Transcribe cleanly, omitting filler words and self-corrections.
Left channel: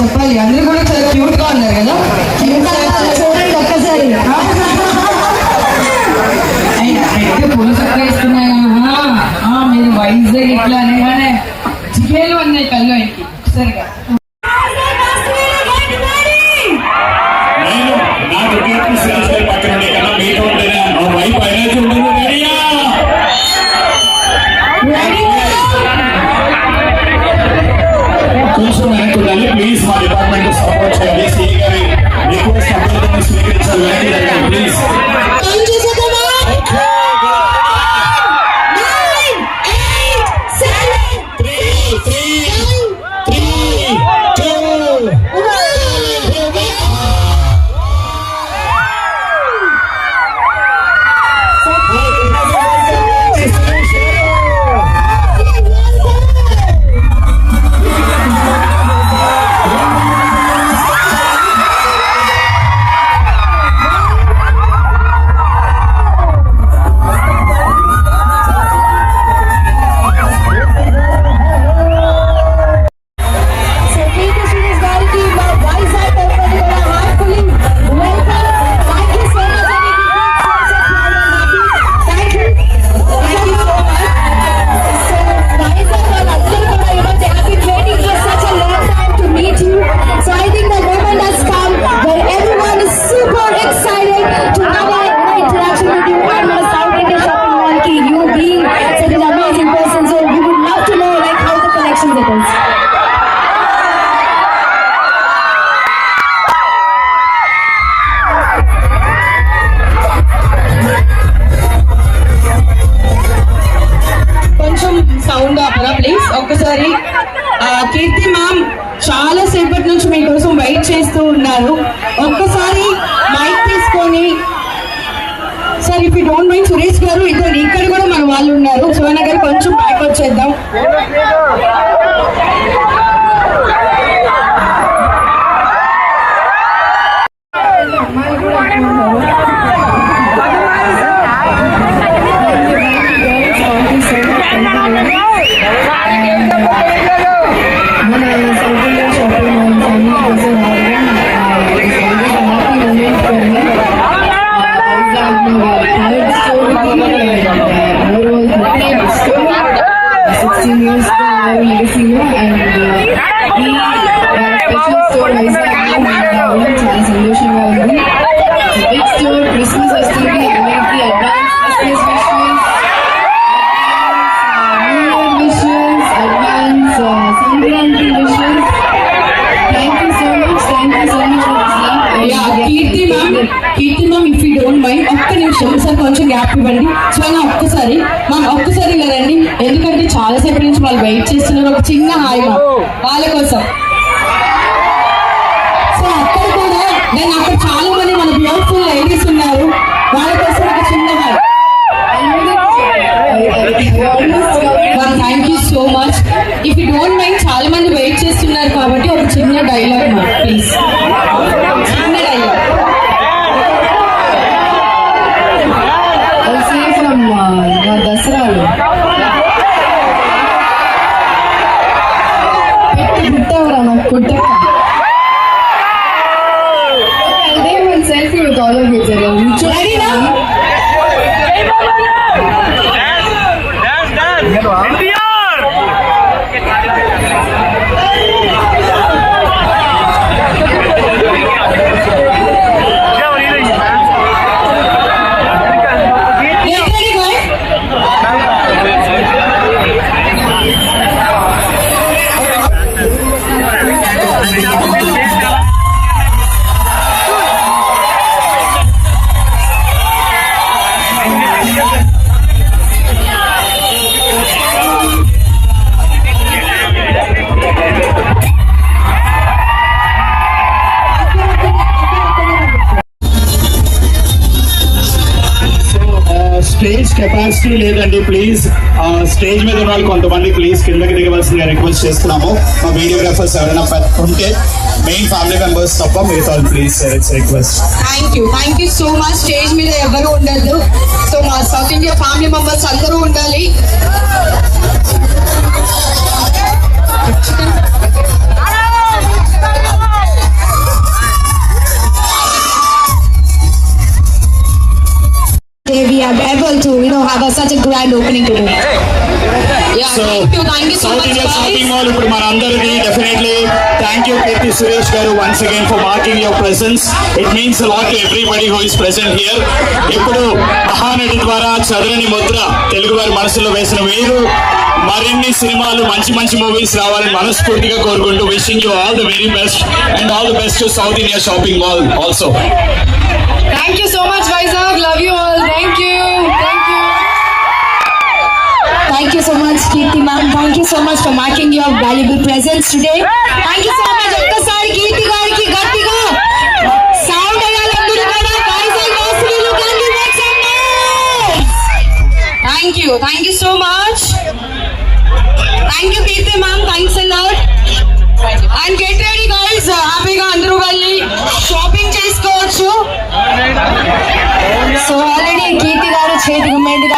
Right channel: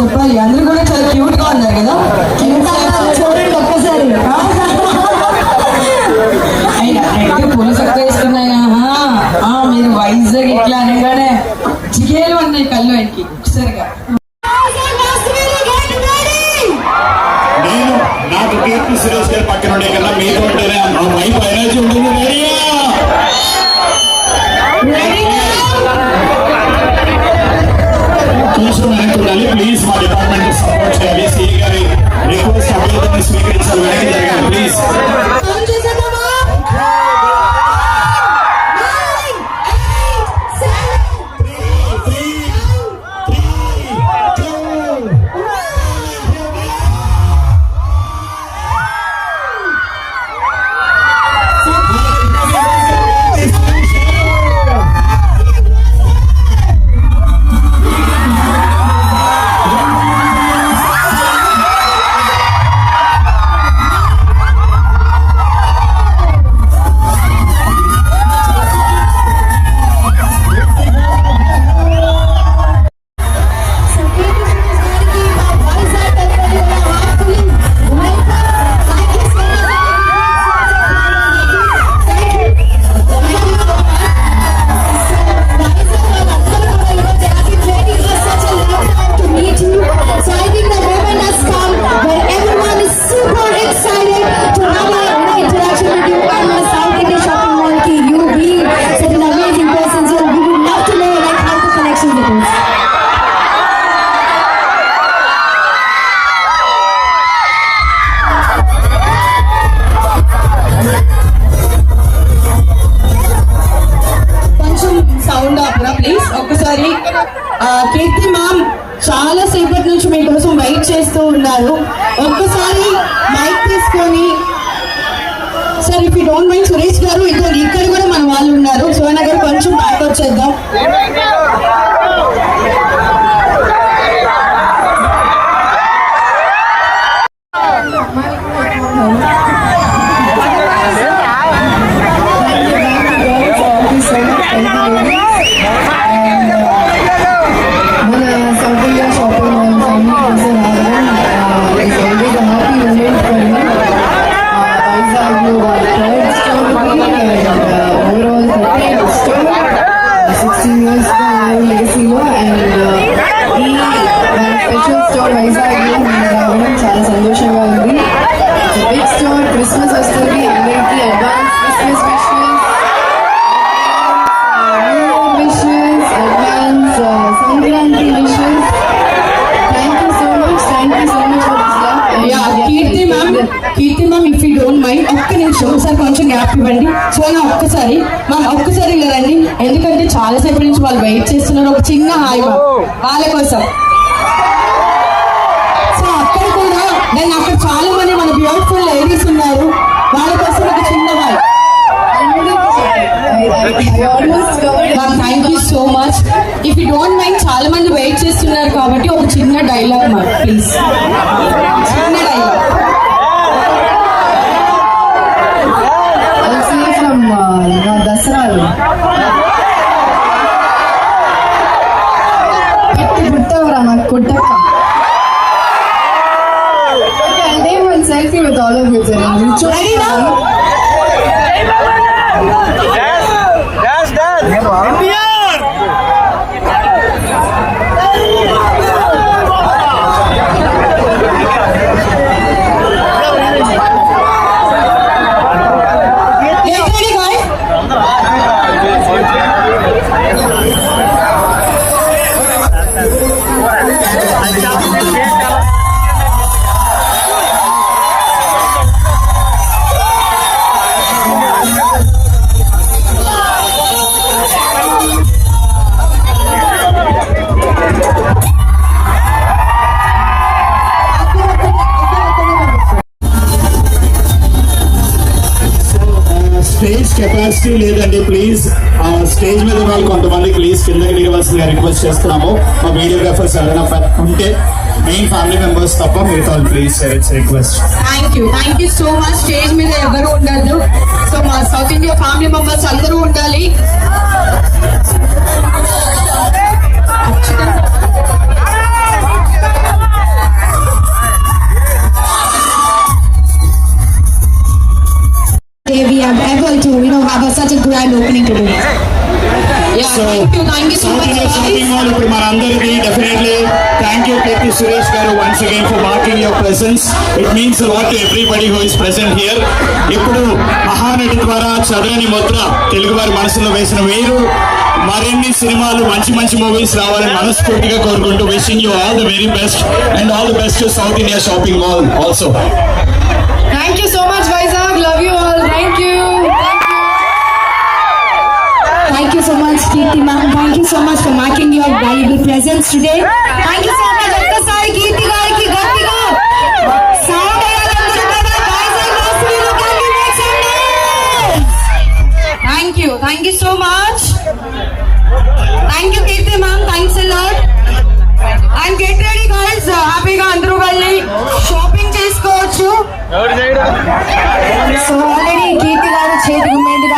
చెప్పాలి. అందరూ కూడా చాలా క్యూట్ గా ఉన్నారు కదా. చూడండి ఒక్కసారి. పూల చక్కగా ఇస్తున్నాయి. మీరు వైజాగ్ ఇట్లా అనగానే జిగేలు ఉన్నాయి కళ్ళు ఆయనకి ఒకసారిగా. నాకు కీర్తి సురేష్ గారి పక్కన ఉండే కన్నా మీతో ఆ వైపు ఎనర్జీ ఉంటుంది. కూర్చున్నాను. ప్లీజ్ మా డిపార్ట్మెంట్ సపోర్ట్ చేయాలి. సిఐ గారి రిక్వెస్ట్ అభ్యర్థన స్వీకరించాలి. వెనక్కి జరగాలి ప్లీజ్. ఒక్కసారి కీర్తి మ్యామ్ చాలా సేపటి నుంచి మీకోసం వెయిట్ చేస్తూ ఉన్నారు. ఒక్కసారి మైక్ తీసుకొని sir if you don't mind Suresh గారు ఇక్కడ కూడా మన వాళ్ళు ఉన్నారు. సోనా గారు కొంచెం బ్యాక్ వచ్చేద్దాం. అమ్మాయిలు కూడా ఎక్కువ ఉన్నారు. మన సౌకర్య షాపింగ్ మాల్ ఫ్యామిలీ కోసం హ్యాపీ మూమెంట్ ఫర్ మీ. వైజాగ్లో వాళ్ళ థర్డ్ స్టోర్ ఓవరాల్ 30th స్టోర్ 16 years లెగసీలో. అండ్ ఈ వాళ్ళ స్పెషల్ స్టోర్ వైజాగ్లో రావడం చాలా సంతోషంగా ఉంది. Big store. క్రిస్మస్ వస్తుంది. అందరికీ advance Christmas wishes, advance Sankranti wishes. Thank you so much for this love. Keerthi ma'am if you don't mind ఒక్క నిమిషం సార్ కొంచెం గ్యాప్ ఇవ్వండి. సో నా ఒక్కసారి లేదండి, ఎందుకంటే చాలా సేపు నుంచి వాళ్ళు వెయిట్ చేస్తున్నారు. ఒక చిన్న హాయ్ మ్యామ్ వాళ్ళ కోసం. సో అక్కడ కూడా దాన్ని అక్కడ చాలా మంది మన బ్యూటిఫుల్ లేడీస్ ఉన్నారు. వాళ్ళ కోసం ఒక చిన్న hi. Thank you so much. If you don't mind చాలా మంది వెయిట్ చేస్తున్నారు కాబట్టి ఒక చిన్న డైలాగ్ మ్యామ్ ప్లీజ్. చిన్న డైలాగ్ ఫ్రమ్ దసరాలు. పుట్టవరా నాకు కొట్టక్క. అంటే మన selfie with all of you. Stage capacity లేదండి. ప్లీజ్ స్టేజ్ మీద ఉన్న కొంతమంది ప్లీజ్ కిందకి దిగవలసిందిగా రిక్వెస్ట్ చేస్తున్నాము. మా వీడియోగ్రాఫర్స్ ఎవరైనా ఉంటే మెయిన్ ఫ్యామిలీ మెంబర్స్ తప్ప మిగతా please request. Thank you so much. Stage మీద ఎవరు ఉండదు. సో మా సౌత్ ఇండియా ఫ్యామిలీ మెంబర్స్ అందరూ ఉండాలి. opening today. So south India shopping mall ఇప్పుడు మన అందరికీ డెఫినెట్లీ థ్యాంక్ యూ కీర్తి సురేష్ గారు once again for marking your presence. It means lot everybody who is present here. ఇప్పుడు మహానటి ద్వారా చదరని ముద్ర తెలుగు వారి మనసులో వేసిన మీరు మరిన్ని సినిమాలు మంచి మంచి మూవీస్ రావాలని మనస్ఫూర్తిగా కోరుకుంటూ wishing you all the very best and all the best to south India shopping mall also. Thank you so much, Vizag. Love you all. Thank you. Thank you. Thank you so much, Kirti ma'am. Thank you so much for marking your valuable presence today. Thank you so much, ఒక్కసారి కీర్తి గారికి గట్టిగా సౌండ్ అయ్యేందుకు మన Vizag వాసులు can you make some noise? Thank you so much. Thank you, Kirti ma'am. Thanks a lot. And get ready, guys. హ్యాపీగా అందరూ వెళ్ళి షాపింగ్ చేసుకోవచ్చు. సో ఆల్రెడీ కీర్తి గారు చేతికి మెండుగా